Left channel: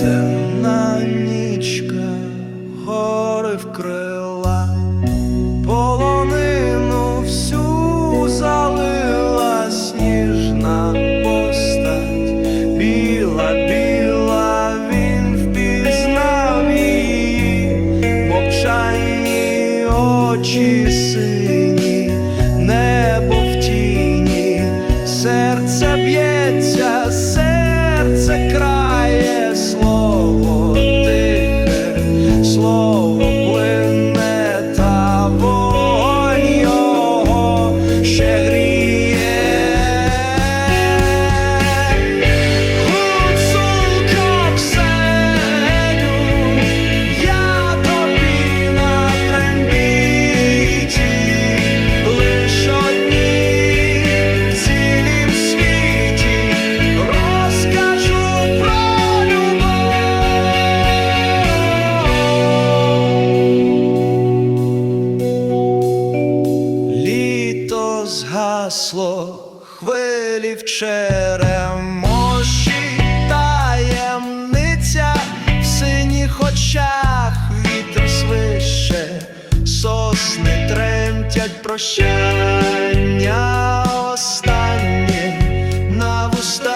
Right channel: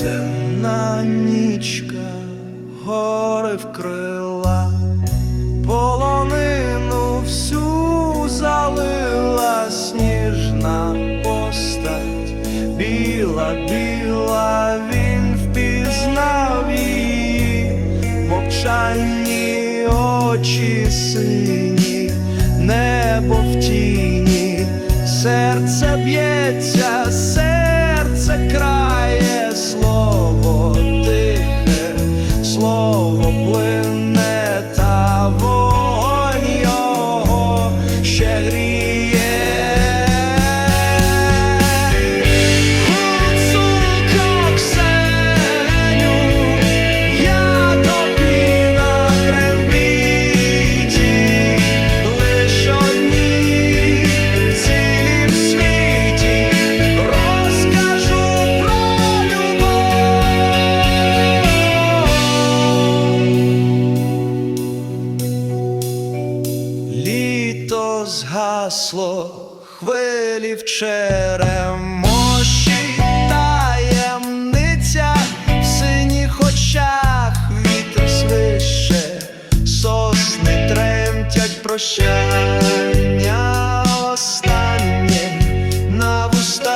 темна нічка, гори вкрила, полонину всю залила сніжна постать, біла, біла, він впізнав її, мовчанні очі сині, небо в тіні, серце б'ється. серце крає слово Літо згасло, хвилі в черемоші, таємниця в синіх очах вітер свище, сосни тремтять прощання останнє на вустах.